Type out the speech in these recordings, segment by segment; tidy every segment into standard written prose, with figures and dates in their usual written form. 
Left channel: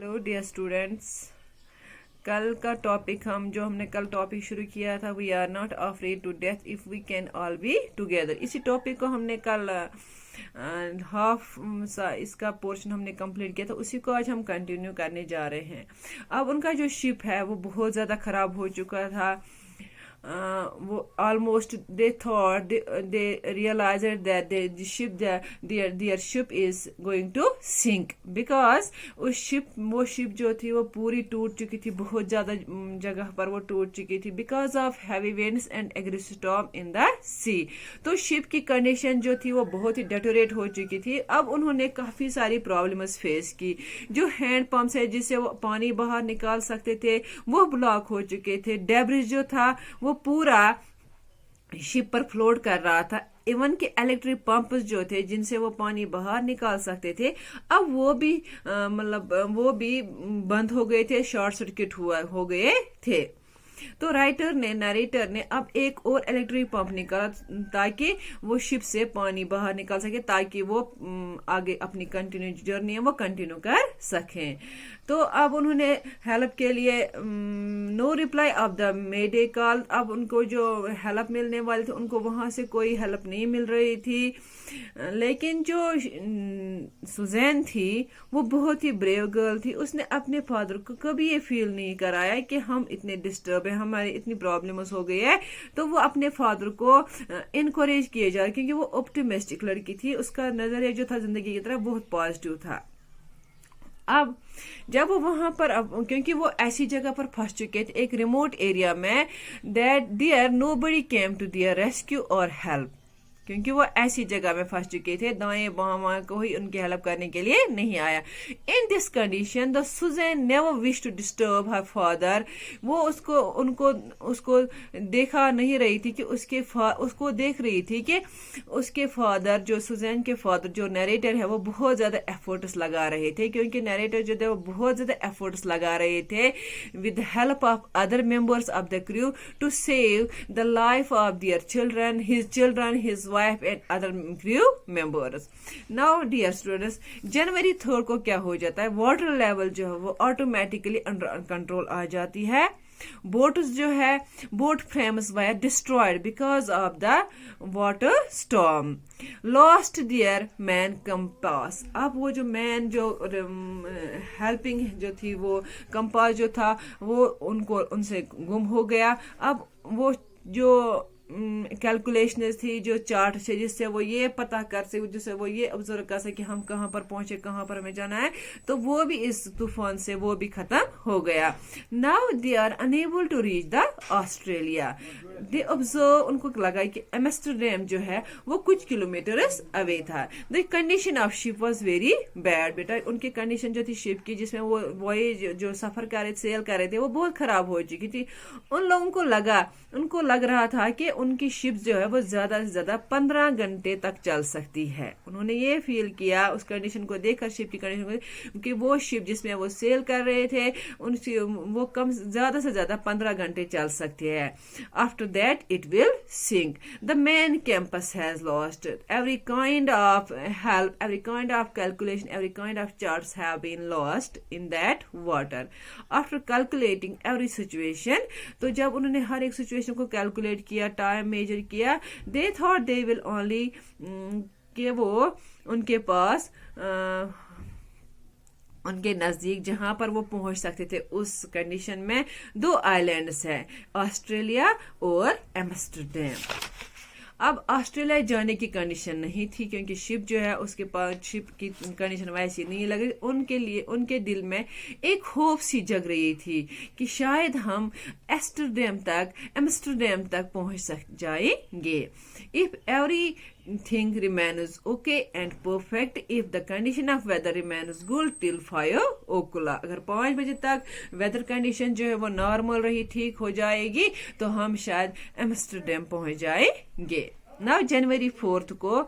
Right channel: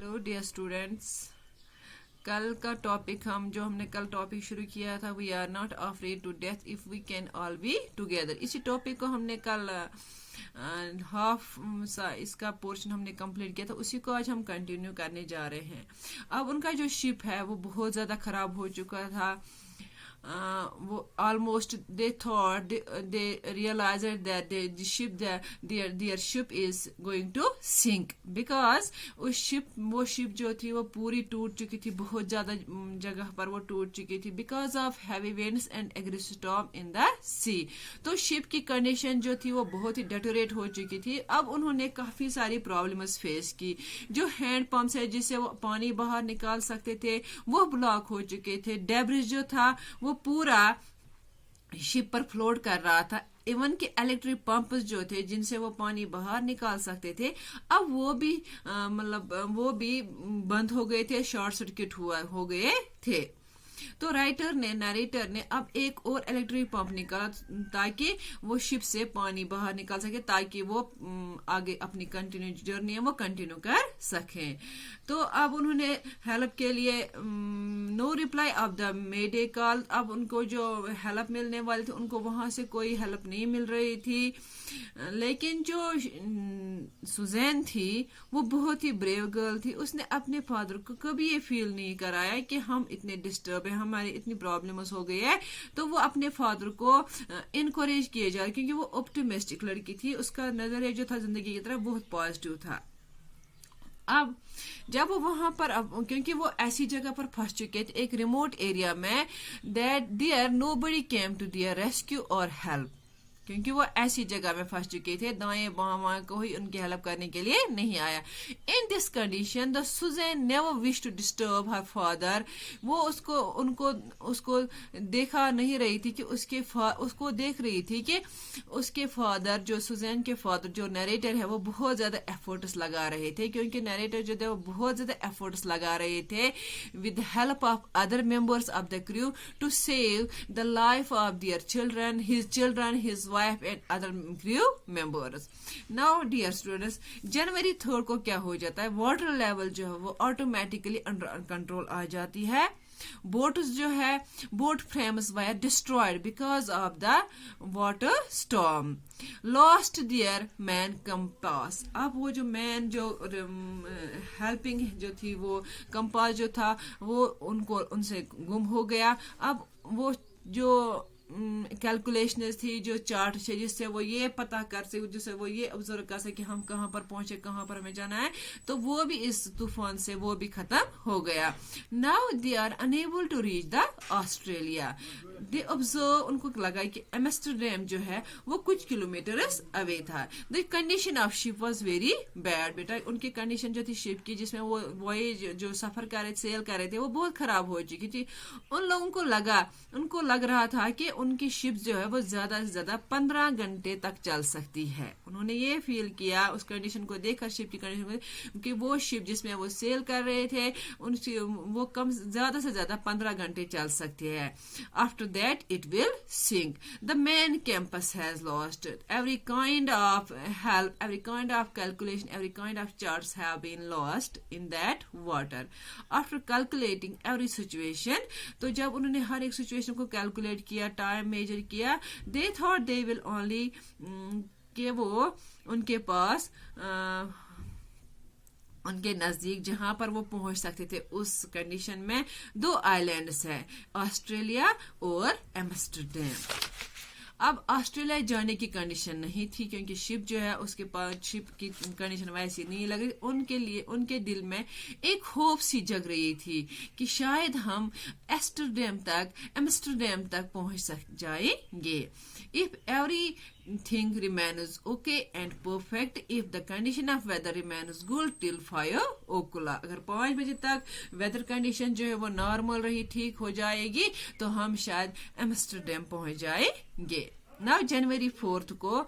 Hello dear students. कल का topic हमने कल टॉपिक शुरू किया था, we are not afraid to death if we can all be together. इसी टॉपिक को हमने कल हाफ इसका पोर्शन हमने कंप्लीट किया था, उसी को आज हम कंटिन्यू करने जा रहे हैं। अब उनका जो शिप है वो बहुत ज़्यादा ख़राब हो चुका था। वो almost they thought they realized that their ship is going to sink because वो शिप जो थी वो पूरी टूट चुकी थी, बहुत ज्यादा जगह पर वो टूट चुकी थी because of heavy winds and aggressive storm in the sea. तो शिप की कंडीशन जो थी वो बहुत ही डेटोरेट हो चुकी थी। अब उन्होंने काफी सारी प्रॉब्लम्स फेस की। जो हैंड पंप्स है जिससे वो पानी बाहर निकाल सकते थे वो ब्लॉक हो चुके थे। डेब्रिस जो था वो पूरा शिप पर फ्लोट कर रहा था। इवन के इलेक्ट्रिक पंप्स जो थे जिनसे वो पानी बाहर निकाल सकते थे, अब वो भी वो भी बंद हो गए थे, शॉर्ट सर्किट हो गए थे। तो नरेटर ने अब एक और इलेक्ट्रिक पंप निकाला ताकि वो शिप से पानी बाहर निकाल सके, ताकि वो आगे अपनी कंटिन्यू जर्नी है वो कंटिन्यू कर सकें। तो अब उन्होंने हेल्प के लिए no reply of the mayday call. अब उनको जो हेल्प मिलने वाली थी उनको वहां से कोई हेल्प नहीं मिल रही थी। लेकिन जो सुजैन थी वो बहुत ही ब्रेव गर्ल थी। उसने अपने फादर को कभी ये फील नहीं कराया कि हम इतने डिस्टर्ब है, हमारी इतनी प्रॉब्लम्स हो गई है। तो वो अपने फादर को इनकरेज किए जा रहे, क्योंकि वो ऑप्टिमिस्टिक लड़की थी। उसका नजरिया जो था जिंदगी की तरफ बहुत पॉजिटिव था। अब जब वो वहां पर क्योंकि वो ऐसी जगह पर फंस चुके थे, एक रिमोट एरिया में, that there nobody came to their rescue और हेल्प, क्योंकि वो ऐसी जगह में फंस चुके थे, दाएं बाएं कोई उनकी हेल्प करने के लिए नहीं आया। In this condition the Susan never wish to disturb her father. वो उसको देखा नहीं रही थी कि उसको देख रही थी कि उसके फादर, जो सुजैन के फादर जो नरेटर है, वो बहुत ज्यादा एफर्ट्स लगा रहे थे। क्योंकि नरेटर जो थे वो बहुत ज्यादा एफर्ट्स लगा रहे थे with help of other members of the crew to save the life of their children, his wife and other crew members. Now dear students, जनवरी 3 को क्या हो जाता है, वाटर लेवल जो है वो ऑटोमेटिकली अंडर कंट्रोल आ जाती है। Boat frames were destroyed because of the water storm. Lost their man compass. अब वो जो मैन जो हेल्पिंग जो थी, वो कंपास जो था वो उनसे गुम हो गया। अब वो जो कैलकुलेशन थी, जो चार्ट थे, जिससे वो ये पता कर सके, जिससे वो ये ऑब्जर्व कर सके हम कहाँ पर पहुंचे, कहाँ पर हमें जाना है, तो वो भी इस तूफान से वो भी खत्म हो गया। Now they are unable to reach the Australia. They observe, उनको लगा कि एम्स्टरडैम जो है वो कुछ किलोमीटर अवे था। The condition of ship was very bad. बेटा उनकी कंडीशन जो थी शिप की, जिसमें वो वॉयेज जो सफर कर रहे, सेल कर रहे थे, वो बहुत खराब हो चुकी थी। उन लोगों को लग रहा था कि उनकी शिप जो है वो ज्यादा से ज्यादा 15 घंटे तक चल सकती है। उन्होंने ये फील किया उस कंडीशन को देखकर, शिप की कंडीशन को, क्योंकि वो शिप जिसमें वो सेल कर रहे थे वो ज्यादा से ज्यादा 15 घंटे चल सकती है। After that it will sink. The main campus has lost every kind of help, every kind of calculation, every kind of charts have been lost in that water. After calculating every situation, तो जब उन्होंने हर एक situation को calculate किया, time major किया, दे thought they will only, कि वो उनके पास उनके नजदीक जहां पर वो पहुंच सकते थे, उस कंडीशन में 2 आइलैंड्स है, ऑस्ट्रेलिया और एम्स्टरडैम। अब ऑस्ट्रेलिया जाने की कंडीशन नहीं थी, क्योंकि शिप जो है उसके पास शिप की कंडीशन वैसी नहीं लग रही। उनके दिल में एक होप सी जग रही थी कि शायद हम एम्स्टरडैम तक पहुंच जाएंगे। If everything remains okay and perfect, if the condition of weather remains good till 5 o'clock, अगर 5 बजे तक वेदर कंडीशन जो है वो नॉर्मल रही, ठीक हो जाएगी, तो हम शायद एम्स्टरडैम पहुंच जाएंगे। Now January 4th को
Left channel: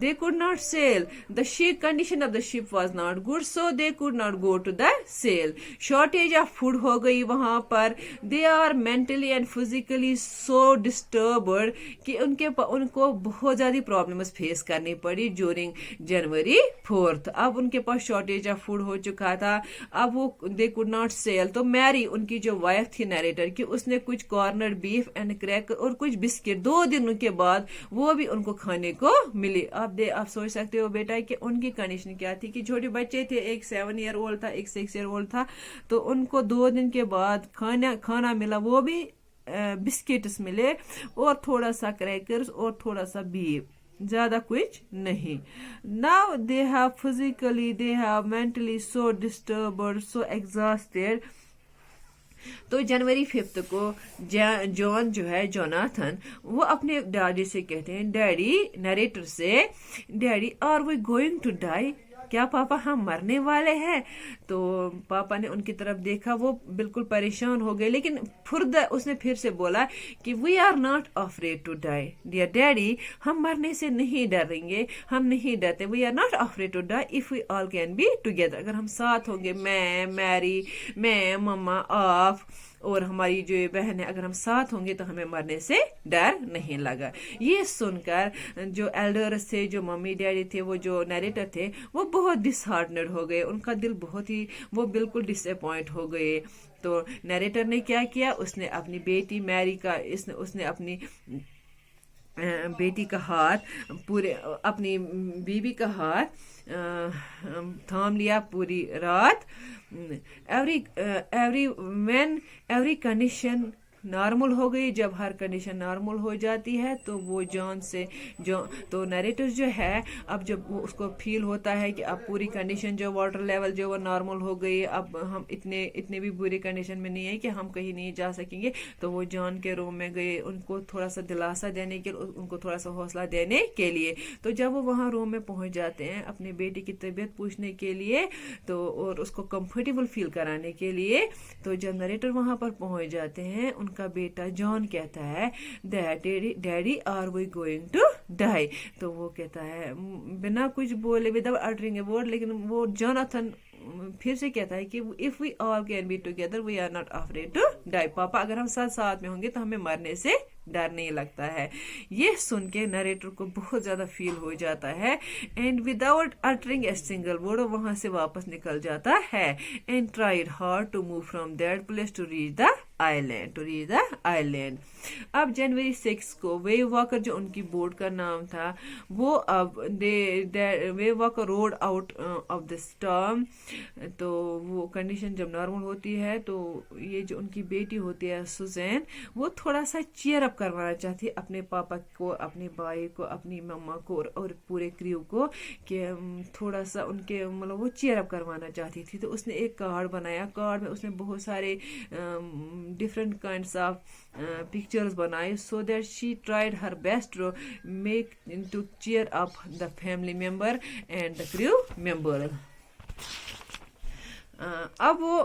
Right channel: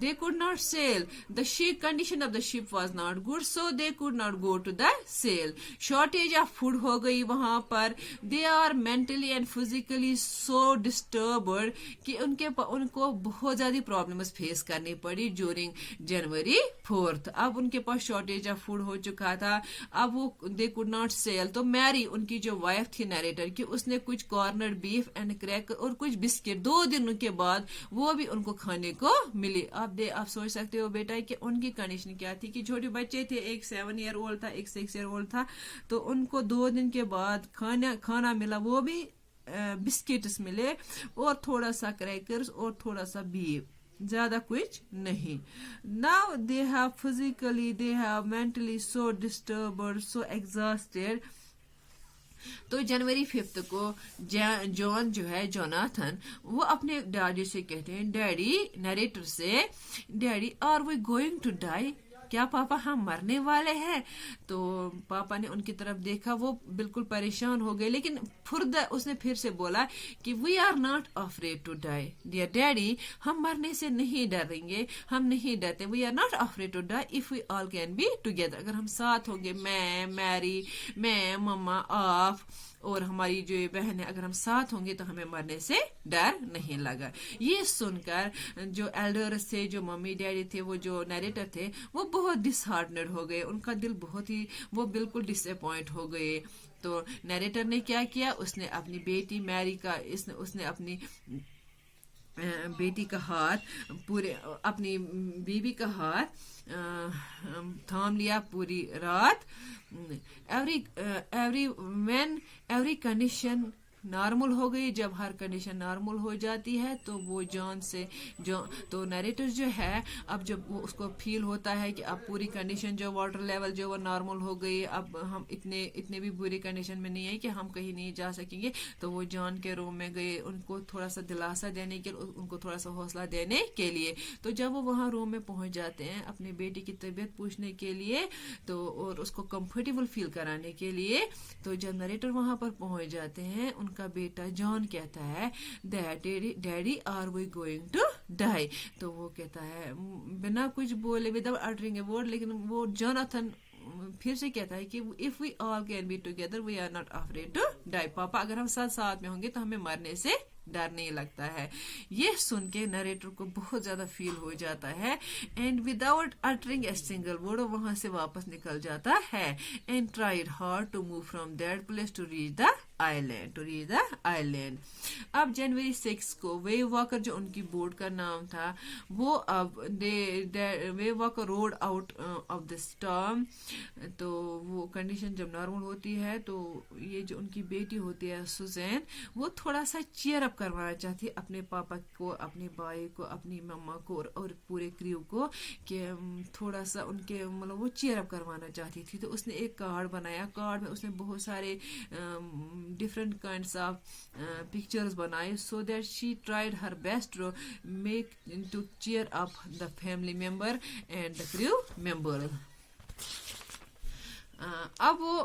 they could not sail. The ship condition of the ship was not good, so they could not go to the sail. Shortage of food हो गई वहाँ पर. They are mentally and physically so disturbed कि उनको बहुत ज़्यादा problems face करनी पड़ी during January 4th. अब उनके पास शॉर्टेज ऑफ फूड हो चुका था. अब वो they could not sail. तो मैरी उनकी जो वाइफ थी नरेटर की, उसने कुछ कॉर्नर बीफ एंड क्रैक और कुछ बिस्किट 2 दिनों के बाद वो भी उनको खाने को मिली. आप सोच सकते हो बेटा कि उनकी कंडीशन क्या थी कि छोटे बच्चे थे, एक 7 ईयर ओल्ड था, एक 6 ईयर ओल्ड था. तो उनको 2 दिन के बाद खाना मिला, वो भी बिस्किट्स मिले और थोड़ा सा क्रैकर्स और थोड़ा सा बीफ, ज्यादा कुछ नहीं. Now they have physically, they have mentally so disturbed, so exhausted. तो जनवरी 5 को जॉन जो है, जोनाथन, वो अपने डैडी से कहते हैं, डैडी, नरेटर से, daddy are we going to die, क्या पापा हम मरने वाले हैं? तो पापा ने उनकी तरफ देखा, वो बिल्कुल परेशान हो गए, लेकिन उसने फिर से बोला कि we are not afraid to die dear daddy, हम मरने से नहीं डरेंगे, हम नहीं डरते. We are not afraid to die if we all can be together. अगर हम साथ होंगे, मैं, मैरी, मैं, मम्मा, आप और हमारी जो बहन है, अगर हम साथ होंगे तो हमें मरने से डर नहीं लगा. ये सुनकर जो एल्डर्स थे, जो मम्मी डैडी थे, वो जो नरेटर थे, वो बहुत डिसहार्टनेड हो गए. उनका दिल बहुत ही, वो बिल्कुल डिसअपॉइंट हो गए. तो नरेटर ने क्या किया, उसने अपनी बेटी मैरी का, उसने अपनी बेटी का हाथ, पूरे अपनी बीवी का हाथ थाम लिया पूरी रात. एवरी कंडीशन नॉर्मल हो गई. जब हर कंडीशन नॉर्मल हो जाती है तो वो तो नरेटर जो है, अब जब वो उसको फील होता है कि अब पूरी कंडीशन जो वाटर लेवल जो वो नॉर्मल हो गई, अब हम इतने भी बुरी कंडीशन में नहीं है कि हम कहीं नहीं जा सकेंगे, तो वो जॉन के रूम में गए, उनको थोड़ा सा दिलासा देने के, उनको थोड़ा सा हौसला देने के लिए. तो जब वो वहाँ रूम में पहुंच जाते हैं अपनी बेटी की तबीयत पूछने के लिए, तो और उसको कंफर्टेबल फील कराने के लिए, तो जब नरेटर वहां पर पहुंच जाते हैं, उनका बेटा जॉन कहता है, daddy are we going to die. तो वो कहता है बिना कुछ बोले, विदाउट अटरिंग ए वर्ड, लेकिन वो जोनाथन फिर से कहता है कि if we all can be together we are not afraid to die. पापा, अगर हम साथ में होंगे तो हमें मरने से डर नहीं लगता है. ये सुन के नरेटर को बहुत ज्यादा फील हो जाता है, and without uttering a single word वहां से वापस निकल जाता है, and tried hard to move from that place to reach the island. अब जनवरी 6 को वेव वॉकर, जो उनकी बोट का नाम था, वो अब wave walker road out of the storm. तो वो कंडीशन जब नॉर्मल होती है, तो ये जो उनकी बेटी होती है सुजैन, वो थोड़ा सा चीयर अप करवाना चाहती है अपने पापा को, अपने भाई को, अपनी मम्मा को और पूरे क्रू को, कि थोड़ा सा उनके मतलब वो चीयर अप करवाना चाहती थी. तो उसने एक कार्ड बनाया. कार्ड में उसने बहुत सारे different kinds of pictures बनाए, so that she tried her best to make to cheer up the family member and the crew member. अब वो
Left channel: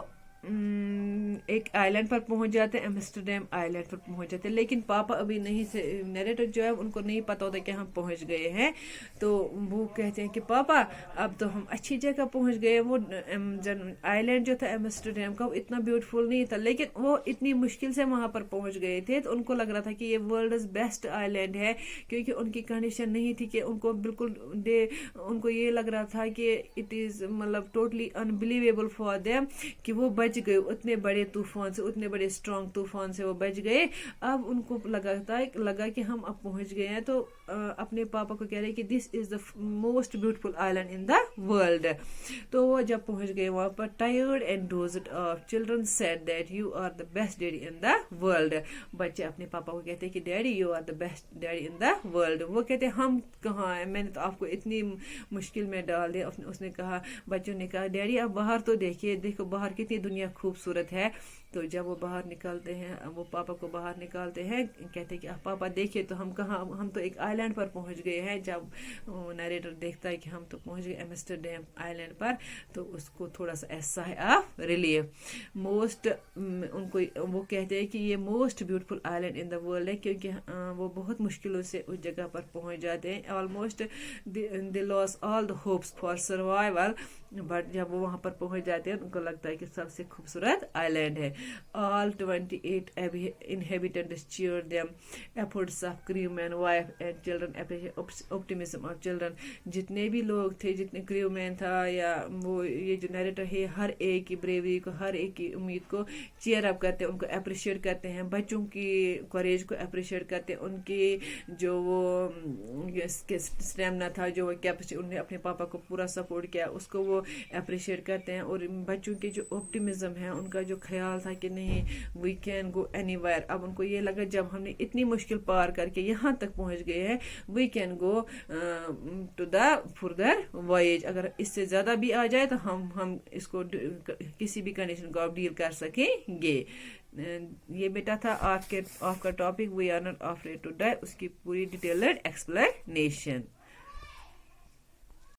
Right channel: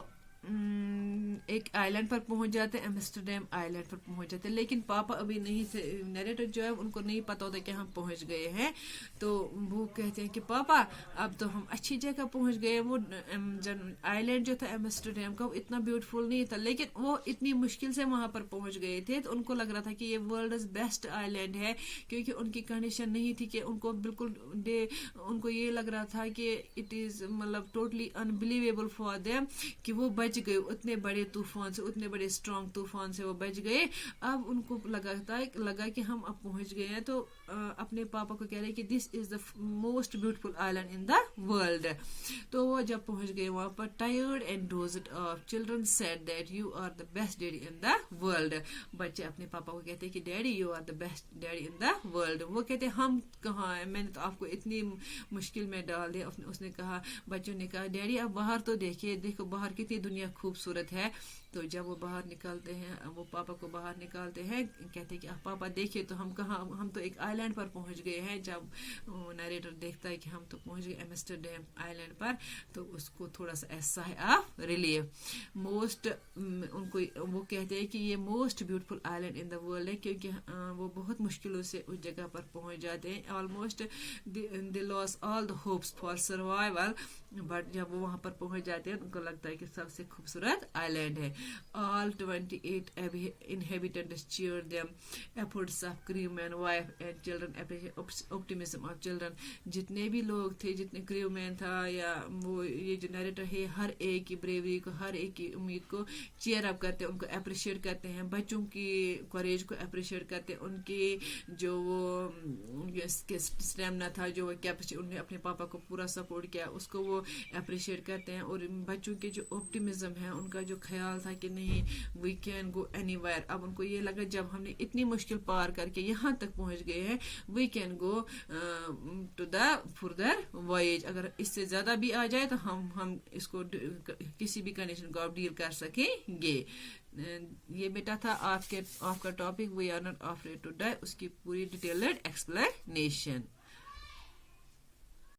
एक आइलैंड पर पहुंच जाते हैं, एम्स्टरडैम आइलैंड पर पहुंच जाते हैं, लेकिन पापा अभी नहीं थे. नरेटर जो है उनको नहीं पता होता कि हम पहुंच गए हैं. तो वो कहते हैं कि पापा अब तो हम अच्छी जगह पहुंच गए. वो आइलैंड जो था एम्स्टरडैम का, वो इतना ब्यूटीफुल नहीं था, लेकिन वो इतनी मुश्किल से वहां पर पहुंच गए थे. तो उनको लग रहा था कि ये वर्ल्ड बेस्ट आइलैंड है, क्योंकि उनकी कंडीशन नहीं थी कि उनको बिल्कुल उनको ये लग रहा था कि इट इज मतलब टोटली अनबिलीवेबल फॉर देम कि वो बच गए उतने बड़े तूफान से, उतने बड़े स्ट्रॉन्ग तूफान से वो बच गए. अब उनको लगा कि हम अब पहुंच गए हैं. तो अपने पापा को कह रहे कि this is the most beautiful island in the world. तो वो जब पहुंच गए वहां पर, tired and dozed off, children said that you are the best daddy in the world. बच्चे अपने पापा को कहते हैं कि daddy you are the best daddy in the world. वो कहते हैं हम कहाँ हैं, मैंने तो आपको इतनी मुश्किल में डाल दिया. उसने कहा, बच्चों ने कहा, डैडी आप बाहर तो देखिए, देखो बाहर कितनी दुनिया खूबसूरत है. تو جب وہ باہر نکلتے ہیں, وہ پاپا کو باہر نکالتے ہیں, کہتے ہیں کہ پاپا دیکھیے تو ہم کہاں, ہم تو ایک آئی لینڈ پر پہنچ گئے ہیں. جب نیریٹر دیکھتا ہے کہ ہم تو پہنچ گئے ایمسٹرڈیم آئی لینڈ پر, تو اس کو تھوڑا سا احساس آف ریلیف. موسٹ ان کو وہ کہتے ہیں کہ یہ most beautiful island in the world ہے, کیونکہ وہ بہت مشکلوں سے اس جگہ پر پہنچ جاتے ہیں. Almost they lost all the hopes for survival, but جب وہ وہاں پر پہنچ جاتے ہیں ان کو لگتا ہے کہ سب سے خوبصورت آئی لینڈ ہے. آل 28 inhabitants cheered them. Efforts of crewmen, wife and children, optimism of children. جتنے بھی لوگ تھے, جتنے کریو مین تھا یا وہ یہ جو نیریٹر ہے, ہر ایک کی بریوری کو, ہر ایک کی امید کو چیئر اپ کرتے ہیں, ان کو اپریشیٹ کرتے ہیں, بچوں کی کوریج کو اپریشیٹ کرتے ہیں, ان کی جو وہ اسٹیمنا تھا, جو وہ کیپیسٹی, انہوں نے اپنے پاپا کو پورا سپورٹ کیا, اس کو وہ اپریشیٹ کرتے ہیں. اور بچوں کے جو آپٹیمزم ہے, ان کا جو خیال تھا کہ نہیں we can go anywhere, اب ان کو یہ لگا جب ہم نے اتنی مشکل پار کر کے یہاں تک پہنچ گئے ہیں, we can go to the further voyage, اگر اس سے زیادہ بھی آ جائے تو ہم اس کو کسی بھی کنڈیشن کو آپ ڈیل کر سکیں گے. یہ بیٹا تھا آپ کا topic we are not afraid to die, اس کی پوری ڈیٹیلڈ ایکسپلینیشن.